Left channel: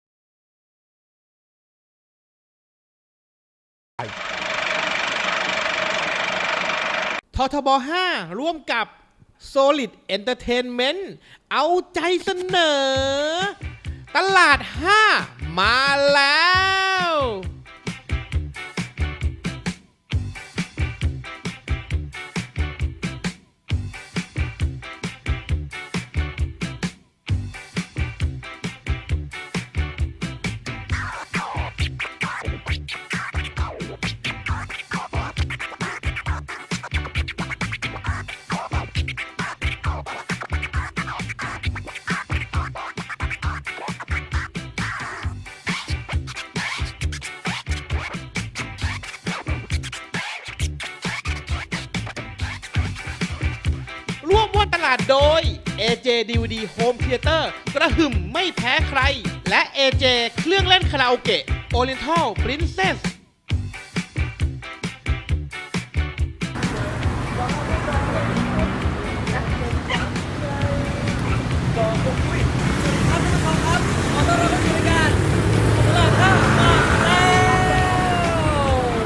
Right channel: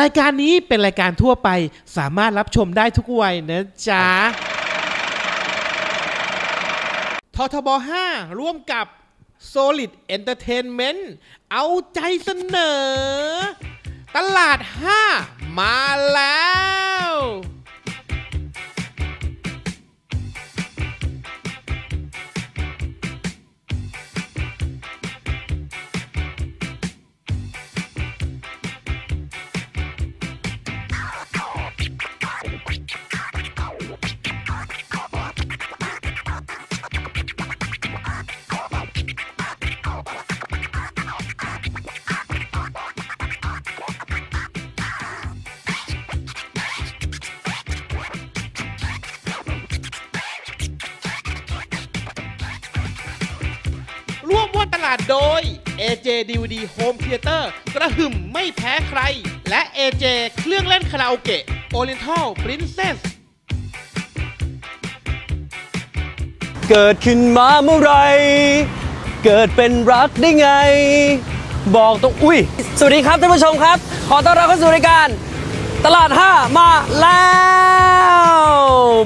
รายการนี้เป็นรายการทั่วไปสามารถรับชมได้ทุกวัยนะจ๊ะททบ 5 ร่วมกับ Solid Entertainment เอาใจเสนอ ตลาด 5 มาแล้วาตลาดโดย AJ DVD Home Theater กระหึ่มไม่แพ้ใคร และ AJ เครื่องเล่นคาราโอเกะ Oriental Princess เกิดขึ้นมาเมื่อไหรเกิดเป็นรักได้ไง บอกตรงอุ้ย สวัสดีครับท่านผู้ชมครับ ขอต้อนรับเข้าสู่รายการ ตลาด5มาแล้ว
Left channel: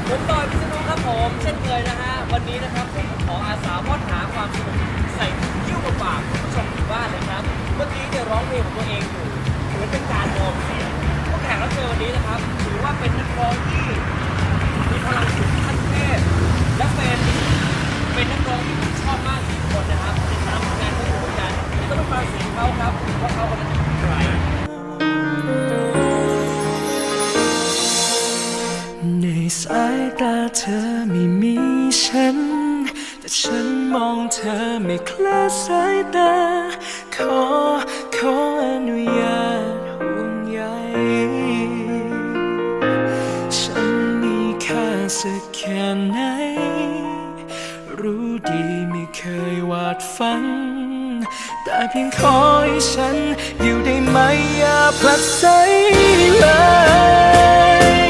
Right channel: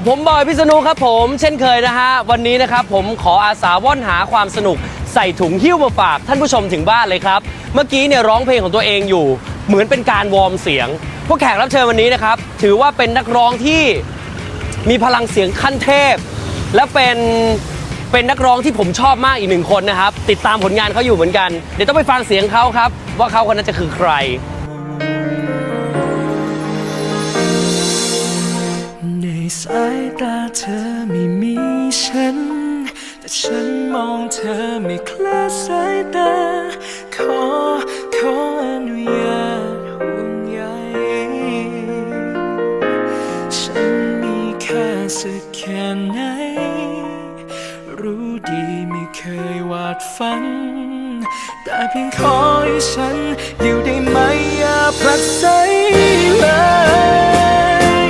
ผมบอยพิษณุครับผม เช่นเคยนะฮะ วันนี้นะครับผมขออาสาว่อนหาความสนุก ใส่ถุงหิ้วมาฝากท่านผู้ชมถึงบ้านเลยครับ เมื่อกี้เนี่ยร้องเพลงของตัวเองอยู่ เหมือนเป็นการวอร์มเสียงพวกแขกรับเชิญวันนี้นะครับ ถือว่าเป็นนักร้องที่มีพลังเสียงขั้นเทพ และเป็นเป็นนักร้องที่ผมชอบมากอีกหนึ่งคนนะครับ ติดตามผลงานเขาอยู่เหมือนกัน เดี๋ยวต้องไปฟังเสียงเขาครับ ว่าเขาคนนั้นจะคือใคร สายตาเธอไม่มีฉัน แต่ฉันมองเธอไม่คลาดสายตา ขอขออนุญาตห่วงใยฉันมีค่าสักแค่ไหน รู้ดีไม่เคยวาดฝัน แต่เพียงขอให้ฉันอยู่ได้ไหมอย่าผลักไสเลย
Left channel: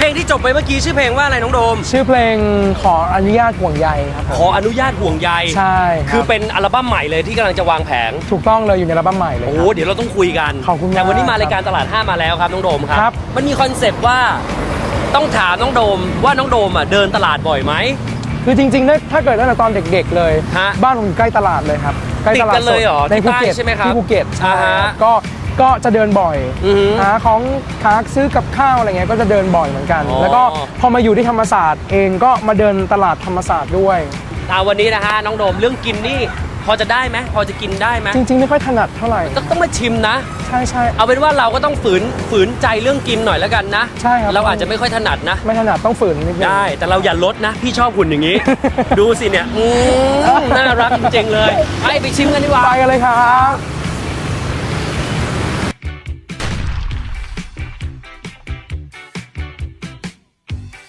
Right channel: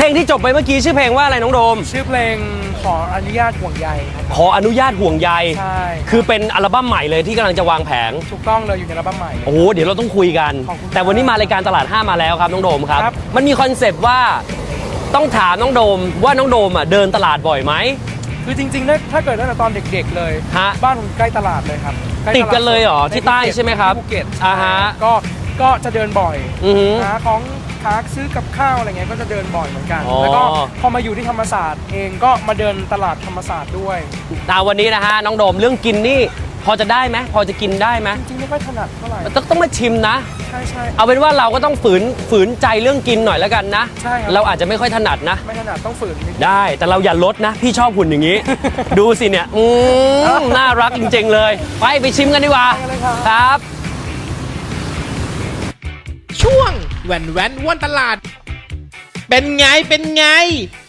เพลงที่จบไปเมื่อกี้ชื่อเพลงว่าอะไรน้องโดม ชื่อเพลงขออนุญาตห่วงใยครับขออนุญาตห่วงใยใช่รับคือเป็นอัลบั้มใหม่เลยที่กำลังจะวางแผน ถูกต้องเลยอยู่ในอัลบั้มใหม่เลยโอ้คโหรับเดี๋ยวเราต้องคุยกัน ขอบคุณมากแต่วันนี้มารายการตลาด5มาแล้วครับน้องโดมครับครับมันมีคอนเซปต์ว่าต้องถามน้องโดมว่าน้องโดมอะเดินตลาดบ่อยไหม คือจริงๆนะถ้าเกิดตั้งแต่ตอนเด็กๆเลย ฮะบ้านผมอยู่ใกล้ตลาดเลยครับใกล้ติดกันเลยเหรอในที่ใต้ภูเก็ตใช่ไหมครับที่ภูเก็ตอ่าฮะใช่ก็ ก็จะเดินบ่อยอือหือหาของหาซื้อกับข้าวอะไรเงี้ยก็จะเดินบ่อยเหมือนกัน อ๋อ แล้วก็พอมาอยู่ที่ธรรมศาสตร์เองก็มาเดินตลาดธรรมศาสตร์ด้วยแต่วันนี้นะฮะน้องโดมเรื่องกินนี่ พอจะได้ไหมพอจะกินได้ไหมจริงๆไม่ค่อยถนัดเท่าไหร่ต้องต้องมาชิมนะ ใช่ใช่ เอาเป็นว่าเราก็ต้องฝืนฝืนใจเรื่องกินหน่อยแล้วกันนะใช่ครับ เราอาจจะไม่ค่อยถนัดนะ ไม่ถนัดต้องฝืนนิดนึง ได้ แต่เราอย่าลดนะ พี่ชอบหุ่นอย่างนี้ ดูสิเนี่ย อืมน่ารักจริงๆเลย ไปไปชิมกันดีกว่าไปกันเลยครับครับ แหวนแหวนวันตลาด เป็นไงเป็นไง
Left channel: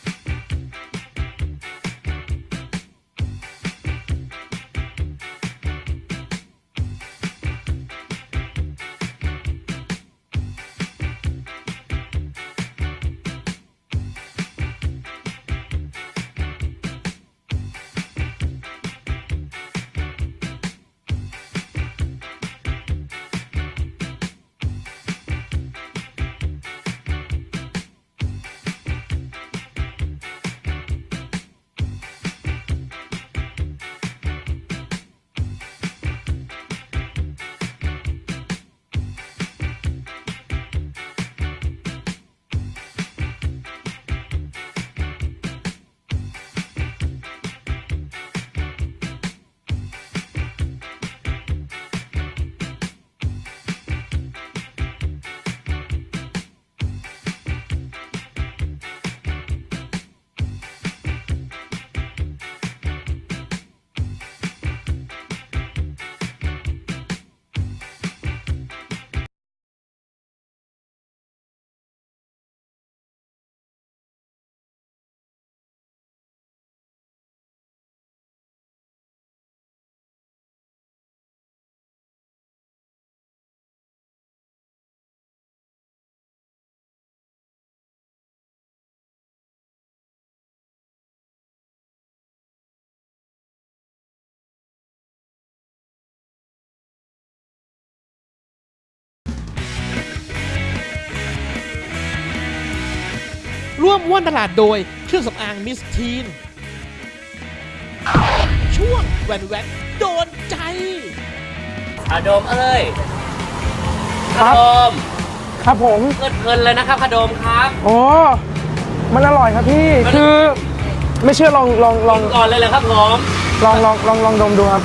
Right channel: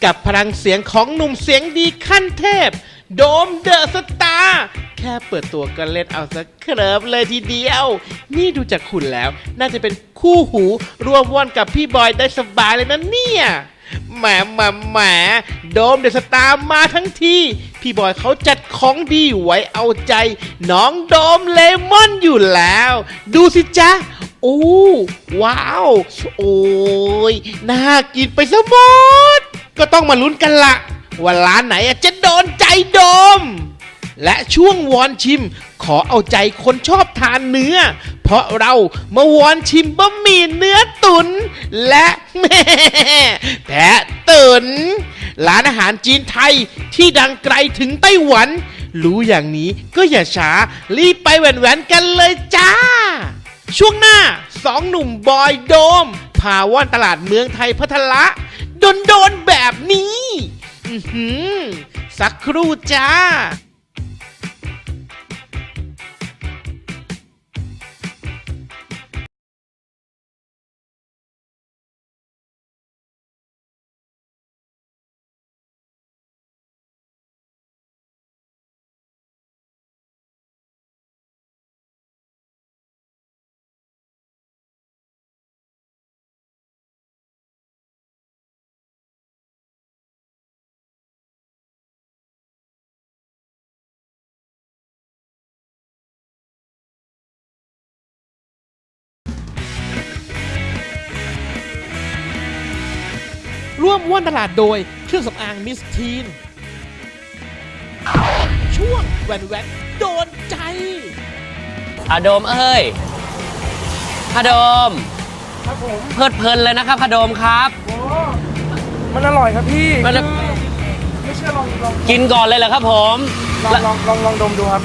กับพลังเสียงของหนุ่มเสียงดีขั้นเทพ โดมเดอะสตาร์แค่เปิดตัวก็เล่นเอาสักเคลิบเลยทีเดียว นี่ดูจากคุณแล้ว น่าจะเป็นคู่หูร่วมว่อนกับพี่บอยได้สบายเลยนะเนี่ยแหมแหมแหมโดมเดอะสตาร์มาทั้งทีพี่บอยเขาจัดของดีไว้เอาใจ น้องโดมเลมอนอยู่แล้ว ดูสิจ๊ะ โอ้ว้าว โอ้ยน่ากินไปซะหมดก็ต้องมาลุ้นกันละว่าร้านไหนจะโดนใจโดม และช่วงวอนชิม ขอเอาใจคนชอบทานเนื้อ เพราะเรามาวอนชิมบะหมี่เนื้อตุน และแม่แพะตุนร้านอาหารจีนไทยที่ดังไกลถึงไต้หวัน รู้อย่างนี้ก็อย่าช้ารีบไปแหวนๆกันเลยจ้า ช่วงหน้าสองหนุ่มบอยโดม พาว่อนตลาดเมืองไทยพัทละโดนโดนแบบนี้ อื้อหือสักครู่จ้า ร่วมว่อนตลาดโดยเครื่องสำอางมิสทีน ช่วงแวนแวนโดนใจพาโดมเอ้ยพาโดม ครับผม เพลิดเพลินเลยนะครับพาโดมครับ โอ้ มันอร่อยครับพี่ มันคือไม่เชื่อลองลองลอกิงนก่อนเลยเหรอครับผม ลองลองลองลองดมดูครับ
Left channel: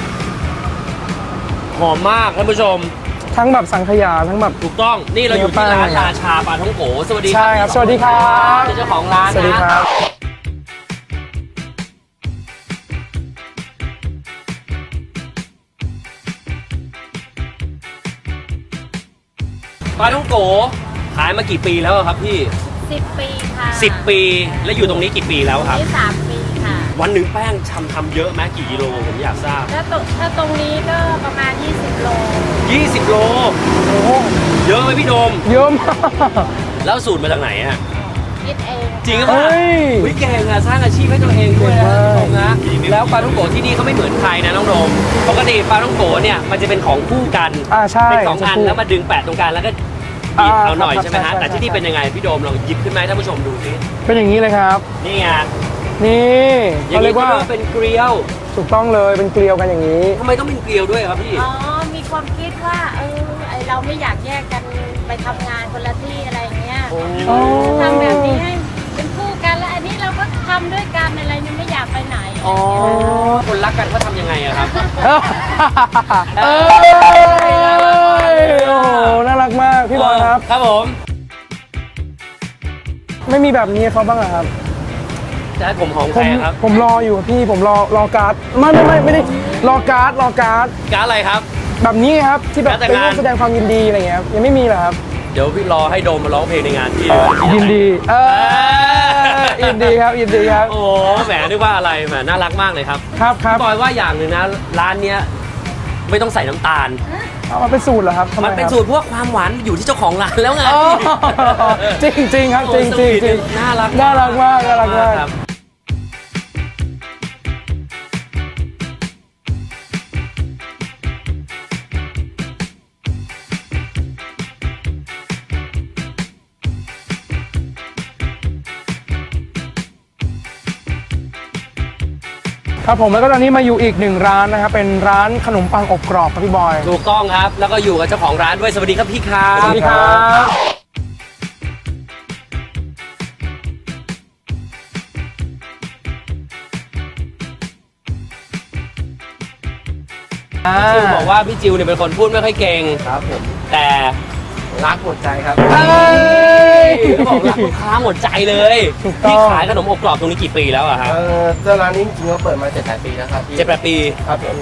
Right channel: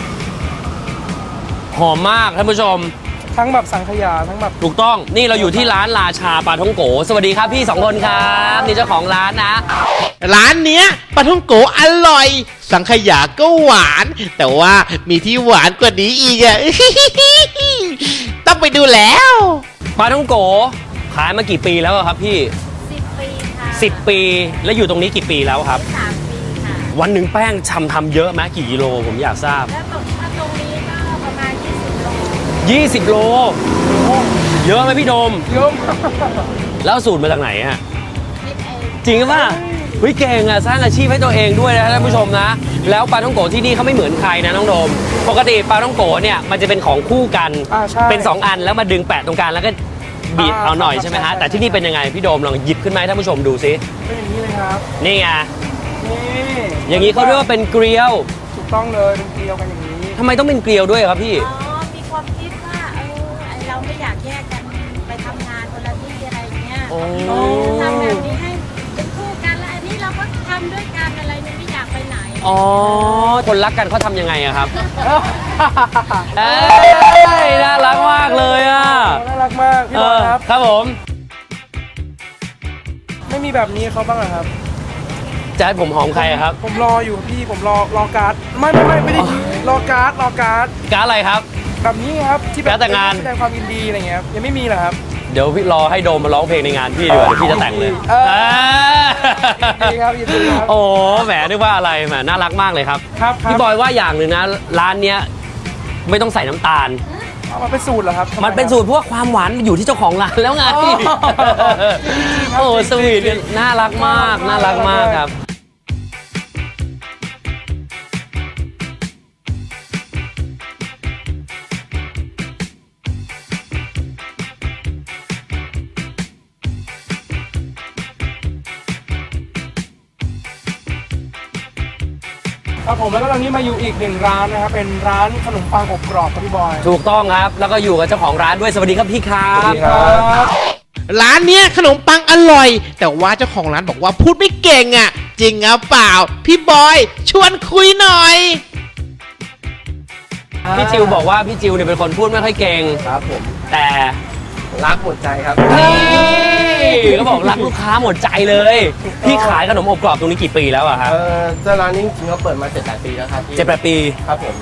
หอมมากท่านผู้ชม ทั้งแบบสังขยาทั้งแบบ ถูกต้องนี่เราอยู่ที่ร้านราชาปลาท่องโกสวัสดีครับใช่พี่สองสวัคสนดีคครัรับ บนี่เจ้าของร้านสวัสดีนะ ครับ ร้านเนี้ยปลาท่องโกอร่อย สังขยาก็หวาน แต่ว่ามีที่หวานกว่านี้อีกอะ ต้องไปดูแล้ว ปลาท่องโกขายมากี่ปีแล้วอะครับพี่ สิบปีค่ะ10 ปีแล้วอยู่ตรงนี้กี่ปีแล้วครับนี่สามปีค่ะ วันหนึ่งแป้งชำทำเยอะไหมกี่กิโลผมอยากทราบถ้าตรงถ้าตรงนี้ก็ประมาณ20โล 20 โล เยอะไหมพี่โดม เยอะมากแล้วสูตรมาจากไหนอะคิดเองจริงป่ะเฮ้ยวิเก่งอะสร้างอาชีพให้ตัวเองด้วยนะท่านผู้ชมนะ แล้วปลาท่องโกที่นี่เขาไม่เหมือนใครนะน้องโดม ปกติปลาท่องโกเนี่ยมันจะเป็นของคู่กันอ่าใช่เป็นสองอันแล้วมาดึงแปะตรงกลางแล้วก็บีบอ่าเอาหน่อยครับใช่ไหมใช่ฮะใช่แต่ที่นี่เป็นยังไงพี่โดมลองหยิบขึ้นมาให้ท่านผู้ชมดูซิ เป็นอย่างนี้เลยครับ นี่ไงนี่อย่างนี้เขาเรียกว่าเป็นเกลียว ถูกต้องเลยเป็นเกลียวกันอย่างนี้ทำไมต้องเป็นเกลียวด้วยครับพี่อ๋อมี ความคิดว่าเออไอเราไม่อยากแยกกันไปทำงานคนละที่อะไรอย่างเงี้ยทำแบบนี้ให้เป็นคู่กันแล้วอันนี้เราก็ทำด้วยกันอะไรนี่ไม่อยากไปไหนอ๋อคนรักกันเขาทำยังไงอะครับเอ้ยน่ารักมากเลยอะโน่ารักมากพี่บอลครับ ครับผม ไม่มีแบบนี้เขาบ้างเหรอครับแจ๊ดผมหอมผใครมครับผมรออยู่พี่ผมรอรอการ์ดไม่ไม่ไม่ได้รอการ์ดรอการ์ดการดอะไรครับ แบบนี้ครับที่แบบการ์ดแต่งงาน แสดงความยินดีอะไรเงี้ยครับยังไม่มีเหรอครับเดี๋ยวพี่รอให้โดมมาร้องเพลงในงานพี่ดีกว่าที่จะแต่งยินดีเลยเออยินดีครับยินดีครับโอ้แหมนึกว่าอะไรแหมน่ารักมากเลยครับ ครับครับพี่บอยว่าอย่างหนึ่งนะ ร้านเนี้ยไม่ต้องใส่น้ำตาลมันเป็นสูตรเหรอครับทำไมันเป็นสูตรพวกความหวานอยู่ที่เจ้าของร้านแล้วไงอ๋อพี่จริงจริงๆครับโอ้จริงสจริวีงทจริงน่ารักน่ามากรักมากน่ารักน่ารักมากมากครับ ครับผมแล้วก็ตอนนี้มาอยู่อีกหนึ่งร้านนะครับเป็นร้านขนมปังอบกรอบครับพี่บอย ถูกต้องครับ แล้วก็อยู่กับเจ้าของร้านด้วยสวัสดีครับพี่ครับสวัสดีครับ ร้านเนี้ยขนมปังอร่อย แต่ว่าเจ้าของร้านบอกว่าพูดไม่เก่งอะ จริงหรือเปล่า พี่บอย ชวนคุยหน่อย พี่จิวบอกว่าพี่จิวเนี่ยเป็นคนพูดไม่ค่อยเก่งครับผม แต่ รักหมดใจครับนี่ก็บอกรักลูกค้าหมดใจเลยถูกต้องพี่ขายขนมอบกรอบตรงนี้กี่ปีแล้วอะครับเออเจ้าร้านนี้จริงๆก็เปิดมา7จ็ดแปดปีแล้วครับพี่เจ็ดแปดปีครับผม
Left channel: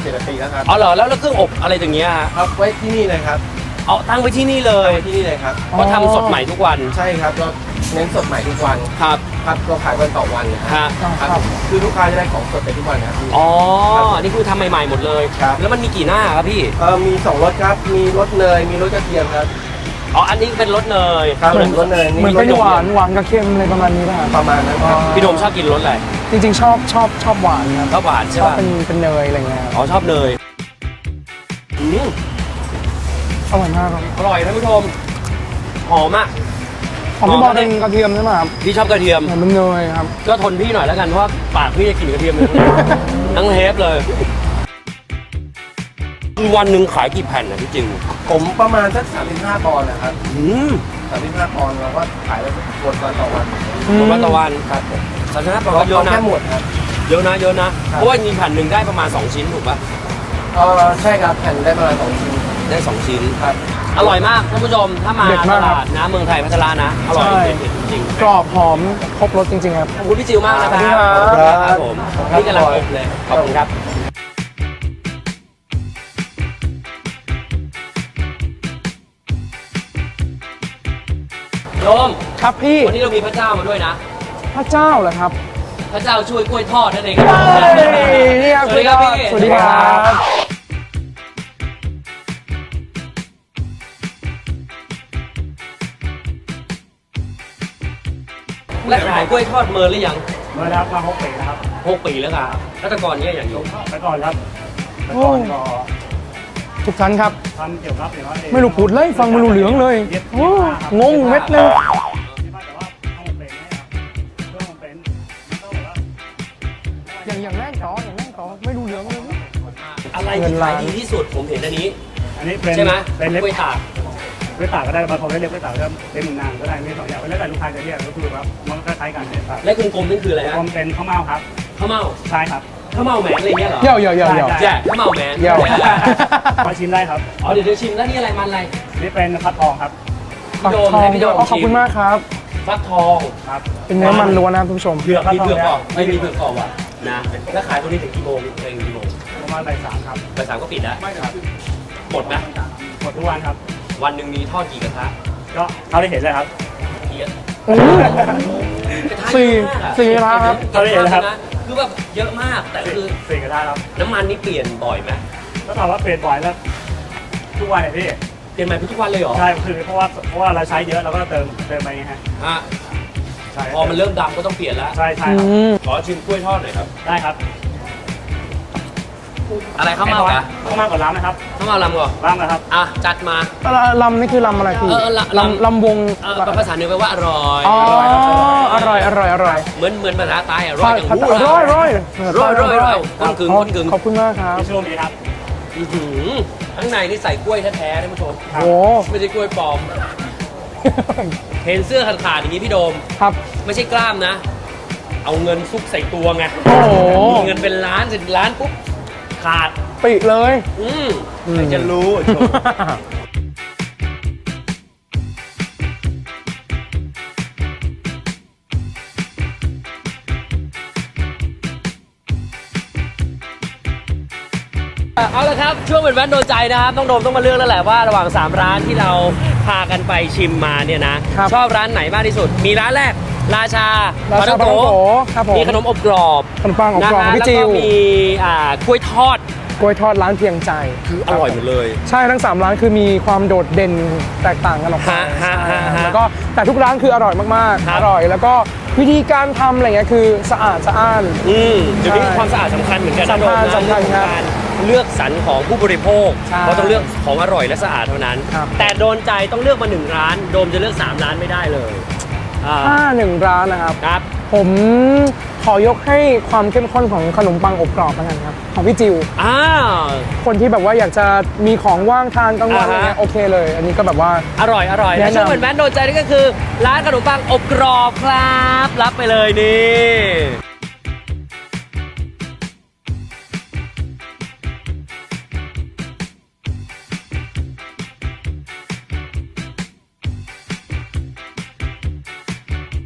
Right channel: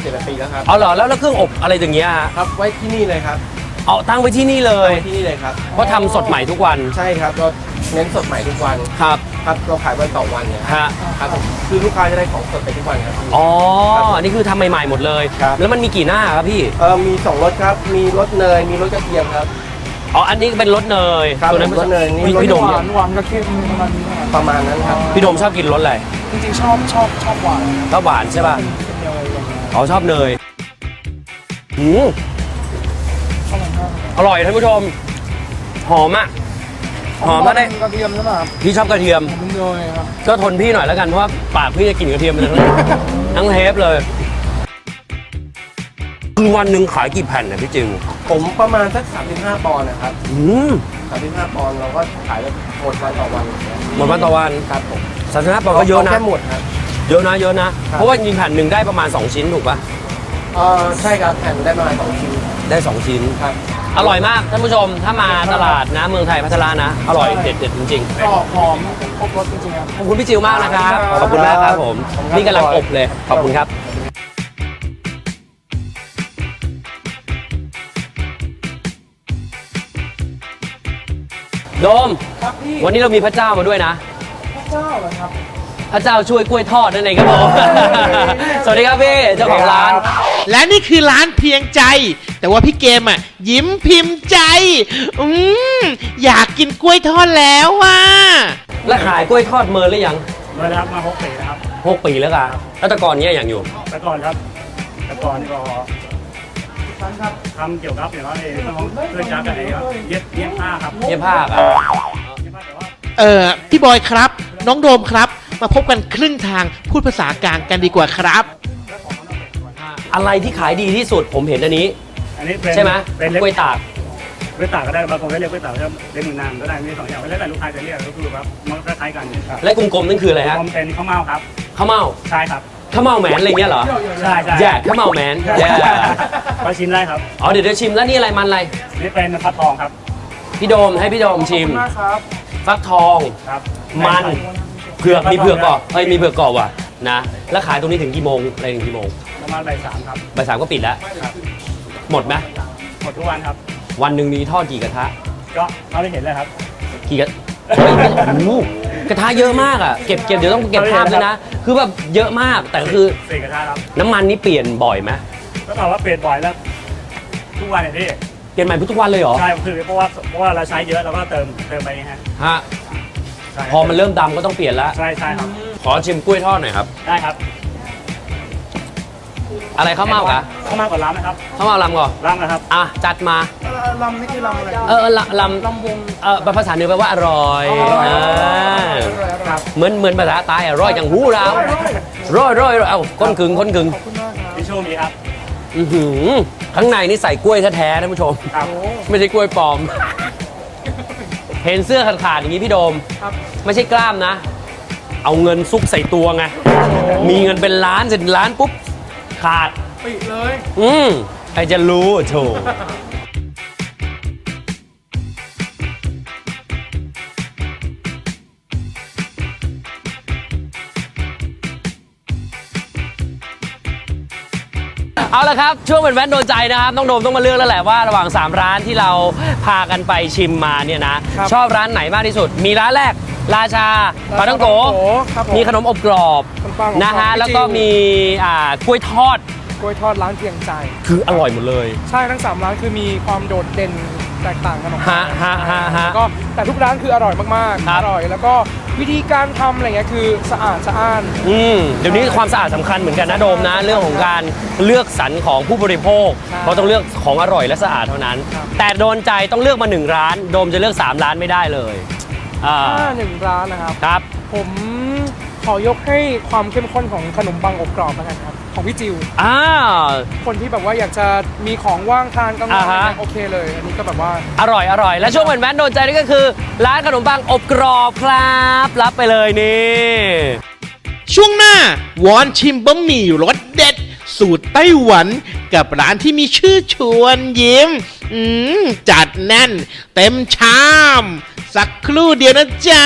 เจ็ดแปดปีแล้วครับ อ๋อเหรอแล้วแล้วเครื่องอบอะไรอย่างเงี้ยครับไว้ที่นี่เลยครับ เอาตั้งไว้ที่นี่เลตั้งยไว้ที่นี่เลยครับก็ทำสดใหม่ทุกวันใช่ครับเราเน้นสดใหม่ทุกวันครับครับเราขายวันต่อวันเนี่ยครับฮะครับผมคือลูกค้าจะได้ของสดไปทุกวันครับพี่ อ๋อครับผมนี่คือทำใหม่ๆหมดเลยครับ แล้วมันมีกี่หน้าครับพี่เออมีสองรสครับมีรสเนยมีรสกระเทียมครับอ๋ออันนี้เป็นรสเนยครับผมรสเนยนี่มันรสไม่กโดระหเทีวายนมหวานกระเทียมอะไรประมาณนี้ป่ะครับประมาณนั้นครับ พี่โดมชอบกินรสอะไรจริงๆชอบชอบชอบหวานนะครับชอบหวานใช่ป่ะเป็นเป็นเนยอะไรเงี้ยอ๋อชอบเนยอืม อร่อยมากครับอร่อยท่านผู้ชม หอมอะของพี่บอยหอมแล้วได้เป็นกระเทียมใช่ไหมครับพี่ชอบกระเทียม ผมเป็นเนยครับ ก็ทนพี่หน่อยแล้วกันเพราะว่าปากพี่จะกินกระเทียมเลยทั้งเทปเลยวันหนึ่งขายกี่แผ่นนะพี่จิวผมประมาณสัก35ปอนด์นะครับอืม35ปอนด์เราก็ขายแล้วหมดวันต่อวันอย่างเงี้ยประมาณต่อวันครับผมสามสิบห้าปอนด์เราก็เยอะเรานะแค่หมดครับ เยอะนะเยอะนะครับ เพราะว่ากินแผ่นหนึ่งได้ประมาณ 2 ชิ้นถูกปะเออใช่ครับแผ่นได้ประมาณสองชิ้น ได้2ชิ้นครับ อร่อยมากท่านผู้ชม ถ้ามาตลาดนะเมืองไทยพัชรานะ อร่อยใช่เด็ดๆจริงกรอบหอมครบรสจริงๆครับๆขอบคุณพี่จิวมากนะครับ ขอบคุณมากครับผมขอบคุณครับนี่กำลังอบเลย ขอบคุณครับโดมครับพี่ วันนี้เรามีพระเจ้ามาด้วยนะ พระเจ้าเหรอครับ พระเจ้าช่วยกล้วยทอดนั่นเองครับผมสวัสดีครับพี่สวัสดีเจ้าของครัร้านบและนี่คือร้านเพียงใจ แต่ว่าพี่เกมอะยิ้มพิมพ์ใจ อืมอยากกินกล้วยทอดแล้วว่ะแล้วขายกล้วยทอดเมินหรือยังเมื่อรับมาหกปีนะครับหกปีแล้วครับแล้วแต่ก่อนเนี้ยอย่างอยู่แต่ก่อนครับแต่ก่อนก็ทุกท่านครับทำเกี่ยวกับอย่างว่าไม่รู้พูดเลยฟังไม่รู้เรื่องเลยเย็บเย็บผ้าครับงงเย็บผ้าเม็ดเลยเย็บผ้าแต่ว่าเออพี่บอยครับ น้องโดมครับ มาพบกันครึ่งทางพูดภาษากลางกันดีกว่าครับ อะไรที่ขายดีที่สุดผมเห็นอันนี้ อันนี้เป็นใช่ไหมเป็นเล็บกล้วยตาก เล็บตากก็ได้บางคนก็เรียกกล้วยตากก็เล็บมือนางก็ได้มีสองอย่างแล้วแต่ลูกค้าจะเรียกก็คือว่ามันก็คล้ายกันครับและกลมๆนั่นคืออะไรฮะผมเป็นข้าวเม่าครับข้าวเม่าใช่ครับข้าวเม่าแหมนอะไรเงี้ยเหรอเดี๋ยวเดี๋ยวเดี๋ยวใช่ใช่แย่ข้าวเม่าแหมนแย่มาชิมได้ครับอ๋อเดี๋ยวเดี๋ยวชิมแล้วนี่อะไรมันอะไรนี่เป็นพัดทองครับพี่โดมให้พี่โดมขอบชิมคุณมากครับ ฟักทองครับเป็นมันมันล้วนนะครับคุณผู้ชมเผือกมีเผือกกรอบไม่มีเผือกกรอบอะนะแล้วขายตรงนี้ถึงกี่โมงอะไรถึงกี่โมงประมาณบ่ายสามครับบ่ายสามก็ปิดแล้วครับหมดไหมหมดทุกวันครับ วันหนึ่งมีทอดกี่กระทะ ก็เท่าที่เห็นเลยครับกี่กระโอ้โหกระทะเยอะมากอะสี่เก็บเก็บเดี๋ยวต้องเก็บเอาเลยทานนะครับนะคือแบบเยอะมากแต่คือสี่กระทะครับน้ำมันนี่เปลี่ยนบ่อยไหมก็ตอบว่าเปลี่ยนบ่อยแล้ว ทุกวันเนี่ยพี่ เปลี่ยนใหม่ทุกวันเลยเหรอใช่คือเพราะว่าเพราะว่าเราใช้เยอะเราก็เติมเติมไปนี่ฮะฮะใช่พอมันเริ่มดำก็ต้องเปลี่ยนแล้วใช่ใช่ครับขอชิมกล้วยทอดหน่อยครับ ได้ครับอะไรข้าวเม่าอะข้าวเม่าก่อนร้านนะครับข้าวเม่าลำก่อนร้านนะครับอะจัดมาลำนี่คือลำอะไรคุณเออลำลำลำวงเออภาษาเหนือแปลว่าอร่อยอร่อยออร่อยอร่อยอร่อยเหมือนเหมือนภาษาใต้อะร่อยอย่างหูอเราร่อยอร่อยร่อยร่อยร่อยเอาก้นกึ่งก้นกึ่งขอบคุณมากครับที่ช่วงนี้ครับ อื้อหือข้างในนี่ใส่กล้วยแท้ๆท่านผู้ชมครับโอ้ไม่ใช่กล้วยปลอม เห็นเสื้อขาดๆอย่างนี้พี่โดม ครับ ไม่ใช่กล้ามนะ เอาเงินซุกใส่ตัวไงโอ้โหมีเงินเป็นล้านเสร็จล้านปุ๊บขาด ปิดเลย อืมใครจะรู้โถเละครับ ช่วงเป็นแว่นโดนใจนะครับ ต้องโดมต้องมาเลือกแล้วแหละว่า ระหว่าง 3 ร้านที่เราพากันไปชิมมาเนี่ยนะครับชอบร้านไหนมากที่สุด มีร้านแรก ราชาปลาราชาต้องโกปลาท่องโกครับผมมีขนมอบกรอบขนมปังอบกรอบนะฮะพี่แล้วจิ๋ก็วมีอ่ากล้วยทอดก ล้วยทอดร้านเพียงใจคืออร่อยหมดเลย ใช่ทั้ง3ร้านคือมีความโดดเด่นแตกต่างกันออกไปฮะฮะฮะฮะ แล้วก็แต่ทุกร้านคืออร่อยมากครับๆอร่อย แล้วก็วิธีการทำอะไรเงี้ยคือสะอาดสะอ้าน อืมเดี๋ยวนี้ความสะอาดสำคัญเหมือนกันนะโดมนะสำคัญเรื่องของการเลือกสรรของผู้บริโภคใช่เพราะต้องเลือกของอร่อยและสะอาดเท่านั้น ครับ แต่โดนใจต้องเลือกมาหนึ่งร้าน โดมจะเลือก 3 ร้านไม่ได้เลยอ่าถ้าหนึ่งร้านนะครับ ครับ ผมขอยกให้ความเข้มข้นของขนมปังอบกรอบแล้วกันครับ ของพี่จิวอ้าวคนที่แบบว่าอยากจะมีของว่างทานกลางวันอ่าฮะนะโอเคเลย อันนี้ก็แบบว่า อร่อยอร่อยแนะและนำ ช่วงเหมือนแมนโดนใจนี่ก็คือ ร้านขนมปังอบกรอบครับ รับไปเลยนี่ ช่วงหน้าวอนชิมบะหมี่รสเด็ด สูตรไต้หวัน กับร้านที่มีชื่อชวนยิ้ม อืม จัดแน่น เต็มชาม สักครู่เดียวนะจ๊ะ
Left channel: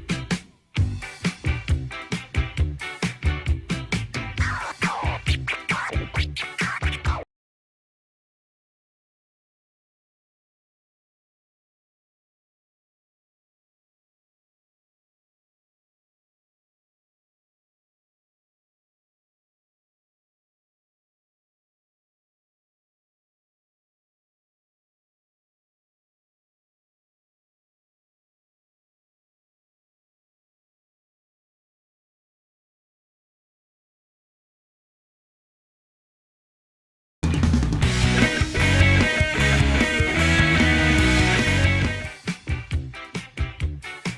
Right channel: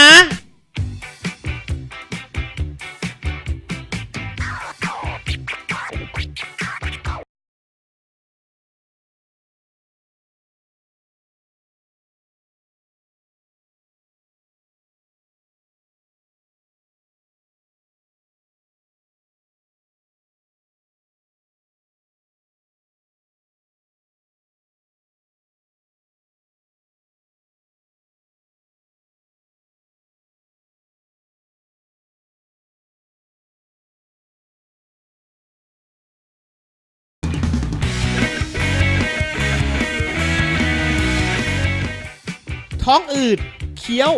องอืดเคี้ยว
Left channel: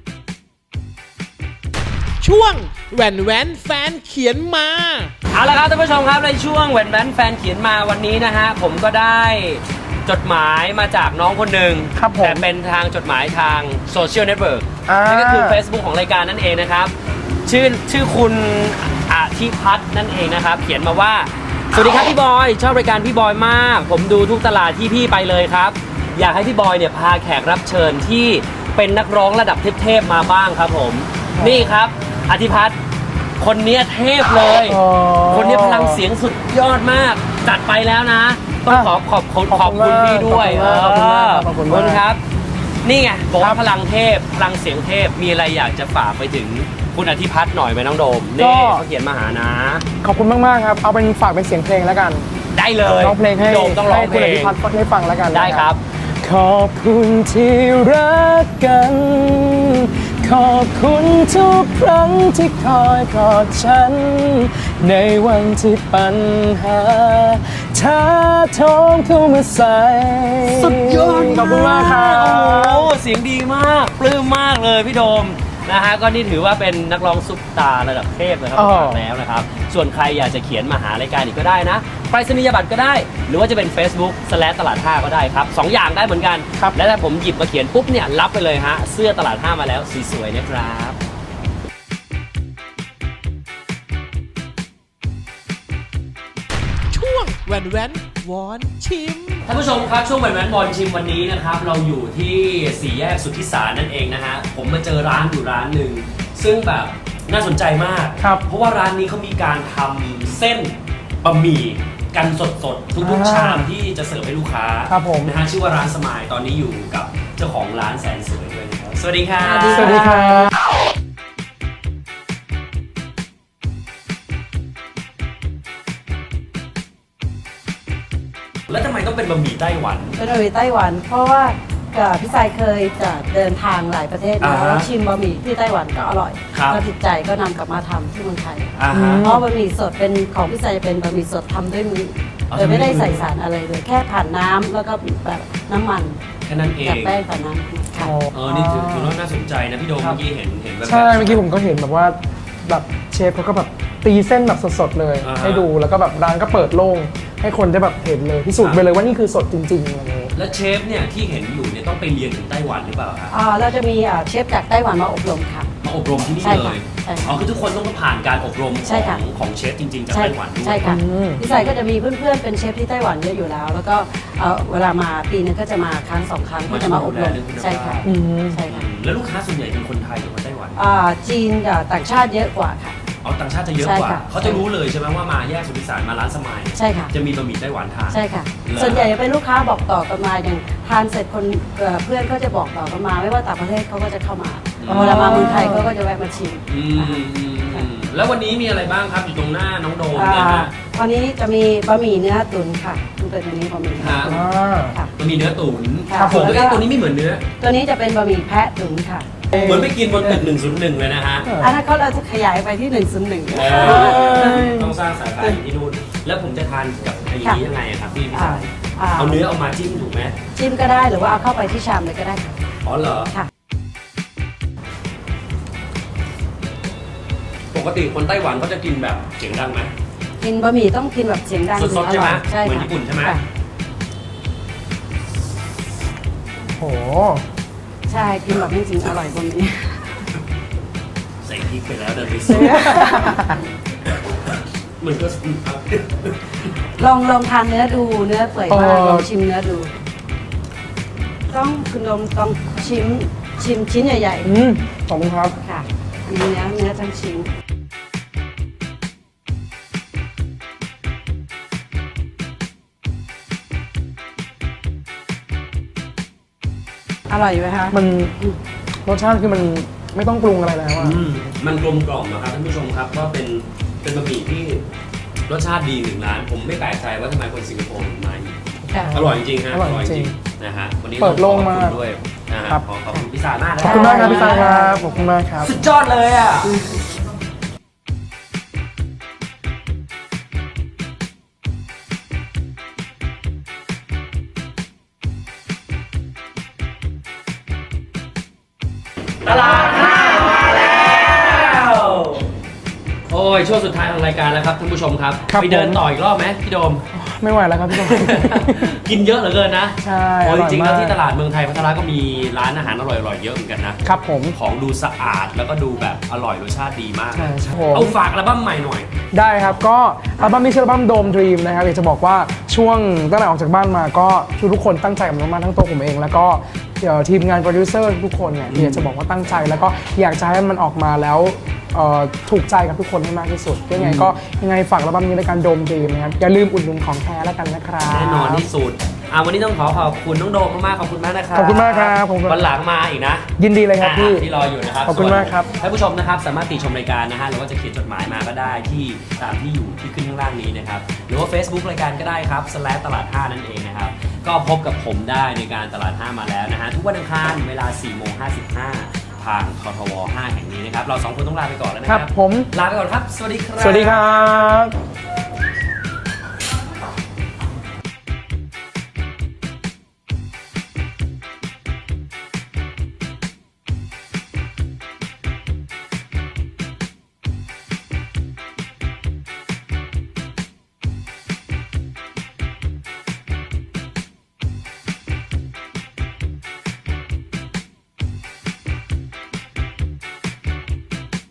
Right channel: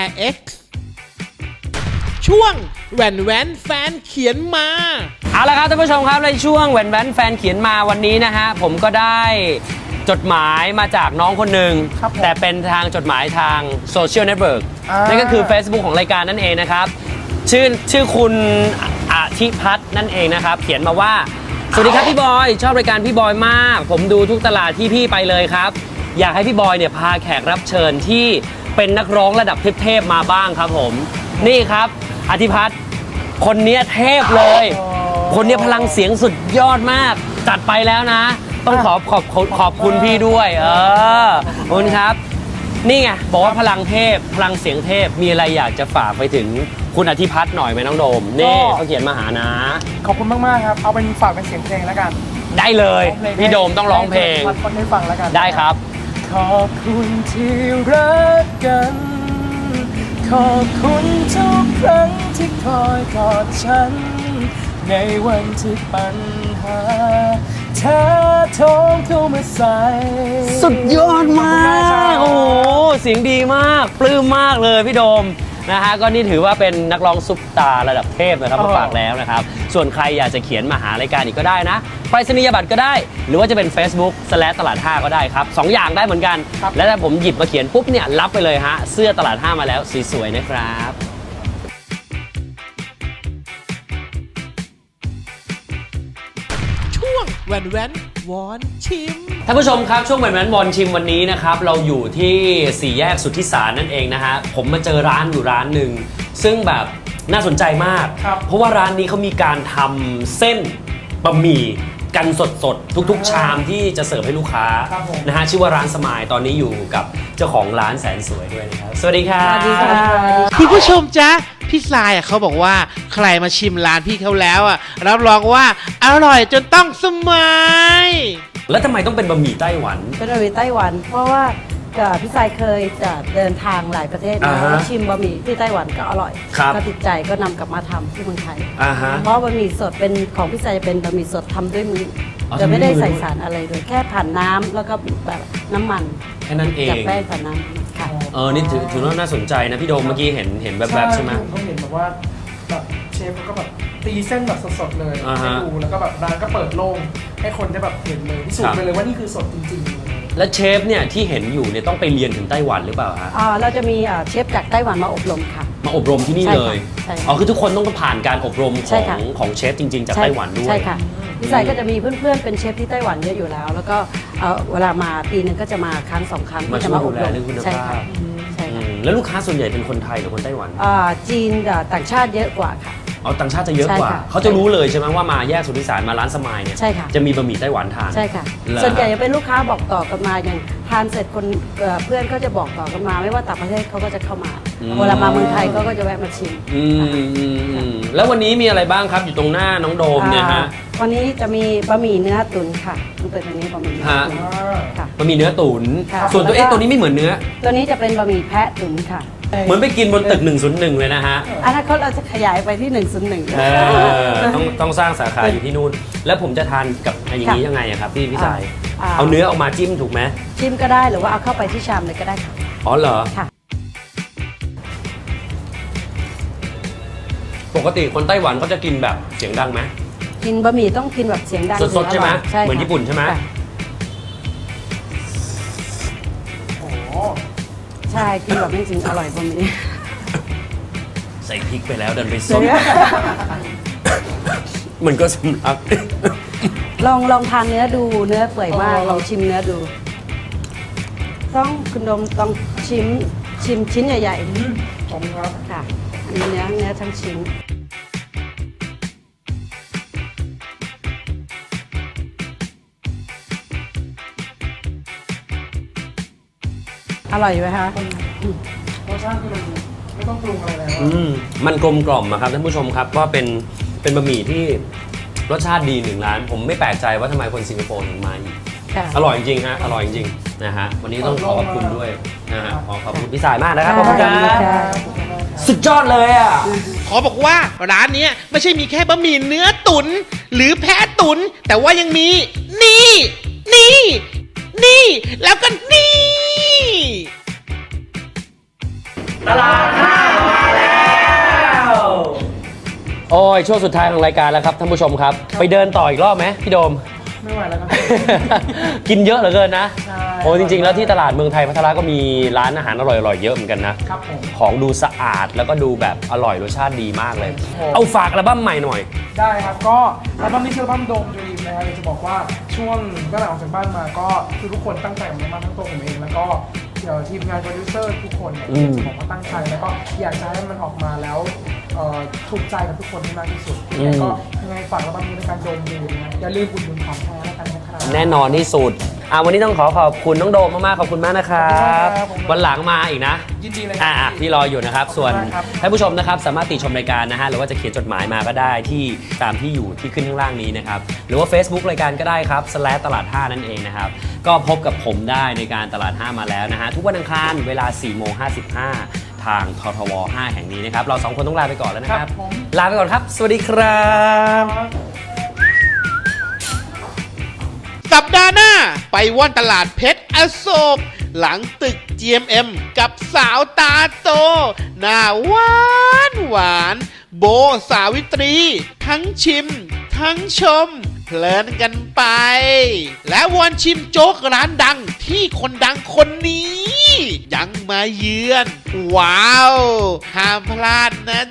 Air X ช่วงแหวนแหวนแฟนเขียนมา เอาละครับท่านผู้ชมครับในช่วงแหวนแหวนแฟนเขียนมาวันนี้นะฮะผมก็ได้จดหมายมาจากน้องคนหนึ่งครับผมแต่เป็นทางจดหมายทางโซเชียลเน็ตเวิร์กอ่านั่ นั่นก็คือ Facebook ของรายการนั่นเองนะครับ ชื่อชื่อคุณอาทิพัฒน์นั่นเองนะครับ เขียนมาว่า สวัสดีครับพี่บอย ชอบรายการพี่บอยมาก ผมดูทุกตลาดที่พี่ไปเลยครับ อยากให้พี่บอยเนี่ยพาแขกรับเชิญที่เป็นนักร้องระดับเทพๆมาบ้างครับผม นี่ครับอธิพัฒน์คนเนี้ยเทพเลยอ๋อคนนี้พลังเสียงสุดยอดมาก จัดไปแล้วนะต้องขอบขอบขอบขอบคุณพี่ด้วยเออขอบคุณขอบมาก คุณครับ นี่ไงบอกว่าพลังเทพพลังเสียงเทพมีอะไรอยากจะฝากไปถึงคุณอธิพัฒน์หน่อยไหมน้องโดมนี่เขาเขียนมาหานะ ขอบคุณมากๆครับ เอาเป็นฝากเป็นเสียงเพลงแล้วกันได้เลยร้องเพลงให้พี่โดมต้องร้องเพลให้งคุณอธิพัฒน์ให้ฟังแล้วกันได้ครับ ขอบคุณที่รักกัน ขอบคุณทุกครั้งที่คอยกอดฉัน ในวันที่ปัญหาท้าท้องเข้ามาใส่สุดยอดขอบมาคุณมากครักโอ้บโหเสียงดีมาก ปลื้มมากเลยพี่โดมะก็นี่ถือว่าเป็นนักร้องซุปตาร์ระดับเทพนะครับมาฝากแล้วนะครับ ส่วนใครอยากจะเขียนมาหารายการอีกก็ได้นะไปรษณียบัตรก็ได้ หรือว่าจะเป็น Facebook สแลตลาด5ก็ได้ครับสองอย่างได้เหมือนกัน และถ้าผมหยิบมาเขียนปุ๊บเนี่ยรับไปเลยฮะเสื้อตลาด5มาแล้วสีสวยนะครับช่วงแหวนแหวน วอนชิม ท่านผู้ชมครับช่วงแหวนแหวนมอนชิมวันนี้นะครับ เราอยู่ที่สี่แยกสุทธิสารนั่นเองนะฮะผมมาเจอร้านอยู่ร้านหนึ่ง ซึ่งแบบน่าสนใจมากครับ เพราะว่าร้านนี้เขามีการทำเส้นบะหมี่กันสดๆ ทุกๆ ชามที่จะเสิร์ฟให้ลูกค้าครับผม นะฮะชื่อว่าร้านสมายตอนนี้อยู่กับเจ้าของร้านแสนสวยด้วยนะครับสวัสดีครับสวัสดีค่ะคุณผู้ชมจ๊ะ พี่ทรายอะเขาบอกว่าใครมาชิมร้านพี่เขาแล้วอะรับรองว่าอร่อยจนต้องสมัย แล้วทำไมต้องเป็นบะหมี่ไต้หวัน เป็นบะหมี่ไต้หวัน เพราะว่ากับพี่สายเคยจะเดินทางหลายประเทศอ่านะฮะแล้วชิมบะหมี่ที่ไต้หวันก็อร่อย ครับก็ติดใจก็นำกลับมาทำที่เมืองไทยอ่าฮะเพราะบะหมี่สดเป็นของพี่สายจะเป็นบะหมี่สดทำด้วยมืออ่าโดยไม่ได้ใส่สารอะไรเลยแค่ผ่านน้ำแล้วก็แบบน้ำมันแค่นั้นเองกับแป้งต่อน้ำ ค่ะเออนี่ถือถือว่าน่าสนใจนะพี่โดมเมื่อกี้เห็นเห็นแบบใช่แบบเมื่อกี้ไหผมก็เห็นแบบว่าแบบเชฟเขาก็แบบตีเส้นแบบสดๆเลยอ่าฮะ ให้ดูแล้วก็แบบร้านก็เปิดโล่งให้คนได้แบบเห็นเลยพิสูจครัน์บไปเลยว่านี่คือสดจริงๆอะไรอย่างเงี้ย และเชฟเนี่ยที่เห็นอยู่เนี่ยต้องไปเรียนถึงไต้หวันหรือเปล่าฮะ อ่าเราจะมีอ่าเชฟจากไต้หวันมาอบรมค่ะมา อบรมที่นี่ใช่เลค่ะยใช่ค่ะอ๋อคือทุกคนต้องผ่านการอบรมขใช่องค่ะของเชฟจริงๆจากใช่ไต้หวันด้วยใช่ค่ะ อืมพี่สายก็จะมีเพื่อนๆ เป็นเชฟที่ไต้หวันเยอะอยู่แล้ว แล้วก็เอ่อเวลามาปีหนึงก็จะมาครั้งสองครั้งก็จะมาอบรมใช่ค่ะอืมใช่ค่ะอืมแล้วลูกค้าส่วนใหญ่เป็นคนไทยหรือคนไต้หวันอ่าจีนอ่าต่างชาติเยอะกว่าค่ะ อ๋อต่างชาติจะเยอะใช่กว่าค่ะ เขาจะรู้เลยใช่ไหมว่ามาแยกสุทธิสารมาร้านสมายเนี่ยใช่ค่ะ จะมีบะหมี่ไต้หวันทาน ใช่ค่ะ เหรอ ส่วนใหญ่จะเป็นลูกค้าบอกต่อกันมาอย่างทานเสร็จคนเอ่อเพื่อนก็จะบอกต่อกันมา ไม่ว่าต่างประเทศเขาก็จะเข้ามา เวลามาเมืองไทยเขาก็จะแวะมาชิมอืมอืมอืมแล้ววันนี้มีอะไรบ้างครับอยู่ตรงหน้าน้องโดมอ่าเนี่ยฮะวันนี้จะมีบะหมี่เนื้อตุ๋นค่ะมันเป็นตัวนี้บะหมี่เนื้อตุ๋นอ่าค่ะบะหมี่เนื้อตุ๋นค่ะส่วนตัวแล้วก็ เอ๊ะตัวนี้ไม่เหมือนเนื้อ ตัวนี้จะเป็นบะหมี่แพะตุ๋นค่ะ เหมือนไปกินบนตึก101 เลยนะฮะอนาคตเราจะขยายไปที่1นึ่งหนึ่งเออต้องสร้างสาขาอยู่ที่นู่น แล้วผมจะทานกับไอ้นี้ยังไงอะครับพี่พี่ชายเอาเนื้อเอามาจิ้มถูกไหมชิมก็ได้หรือว่าเอาเข้าไปที่ชามเลยก็ได้ค่ะ อ๋อเหรอ ค่ะ ปกติคนไต้หวันเขาจะกินแบบเสียงดังไหม กินบะหมี่ต้องกินแบบเสียงดังสดๆถึงอร่อยใช่ไหมใช่เหมือนค่ะญี่ปุ่นใช่ไหม ค่ะโอ้โหใช่กินแบบนี้จริงอร่อยบะหมี่ ใส่พริกไปแล้วเดินไปเสีซุปยมันก็สำลัก ลองลองทานเนื้อดูเนื้อเปื่อยมากลองชิมเนื้อดู ต้องคุณดมต้องชิมชิมชิ้นใหญ่อืมขอบคุณครับ ๆค่ะอันนี้เนื้อเนื้อทั้งชิ้น อร่อยไหมคะมันรสชาติคือมันไม่ต้องปรุงอะไรนะครับอืมมันกลมกล่อมอะครับท่านผู้ชมครับก็เป็นเป็นบะหมี่ที่รสชาติดีหนึ่งร้าน ผมไม่แปลกใจว่าทำไมคนสิงคโปร์ถึงมาค่ะ อร่อยจริงฮะออร่ร่ออยยจจริริงงนะฮะวันนี้เปิต้องดขโล่องบคุณมากด้วยนะฮะครับขอขอบคุณพี่สายมากนะขคอรับบคุณมากครับขอบคุณมากครับ สุดยอดเลยอะ ขอบอกว่าร้านเนี้ยไม่ใช่มีแค่บะหมี่เนื้อตุน หรือแพะตุน แต่ว่ายังมี นี่ นี่ นี่ แล้วก็นี่ โอ้ยช่วงสุดท้ายของรายการแล้วครับท่านผู้ชมครับ ครับ ไปเดินผมต่ออีกรอบไหมพี่โดม ไม่ไหวแล้วครับพี่ตุ้มกินเยอะเหลือเกินนะใช่โอ้ยจริงๆ แล้วอร่อยมากที่ตลาดเมืองไทยพัทยาก็มีร้านอาหารอร่อยๆ เยอะเหมือนกันนะ ครับผม ของดูสะอาดแล้วก็ดูแบบอร่อยรสชาติดีมากเลย ใช่ครับเอาฝากอัลบั้มใหม่หน่อย ได้ครับ ก็อัลบั้มนี้ชื่ออัลบั้มโดมดรีมนะครับอยากจะบอกว่าช่วงตั้งแต่ออกจากบ้านมาก็ทุกๆคนตั้งใจกับมันมากๆทั้งตัวผมเอง แล้วก็ เอ่อทีมงานโปรดิวเซอร์ทุกคนเนี่ยอืมอยากจะบอกว่าตั้งใจแล้วก็อยากจะให้มันออกมาแล้วเอ่อถูกใจกับทุกคนให้มากที่สุดยังไงก็ยังไงฝากอัลบั้มนี้ในการโดมดรีมนะครับอย่าลืมอุดหนุนของแท้แล้วกันนะครับ แน่นอนที่สุดอะวันนี้ต้องขอขอบคุณน้องโดมมากๆขอบคุณมากนะครับขอบคุณมากครับขอบคุณวันหลังมาอีกนะ ยินดีเลยครับอ่าพี่ ที่รออยู่นะครับขอบคุณส่วนมากครับ ท่านผู้ชมนะครับสามารถติชมรายการนะฮะหรือว่าจะเขียนจดหมายมาก็ได้ที่ตามที่อยู่ที่ขึ้นข้างล่างนี้นะครับ หรือว่า Facebook รายการก็ได้ครับ slash ตลาด 5 นั่นเองนะครับ ก็พบกับผมได้ในการตลาด 5 มาแล้วนะฮะ ทุกวันอังคารเวลา4โมง55 ทางททว5แห่งนี้นะครับ เราสองคนต้องลาไปก่อนแล้วนะคครัรับ บผม ลาไปก่อนครับ สวัสดีครับ สวัสดีครับ สัปดาห์หน้า ไปว่อนตลาดเพชรอโศกหลังตึก GMM กับสาวตาโต หน้าหวานหวาน โบสาวิตรี ทั้งชิม ทั้งชมเพ ลินกันไป และวันชิมโจ๊กร้านดังที่คนดังคนนี้ ยังมาเยือน ว้าว ห้ามพลาดนะ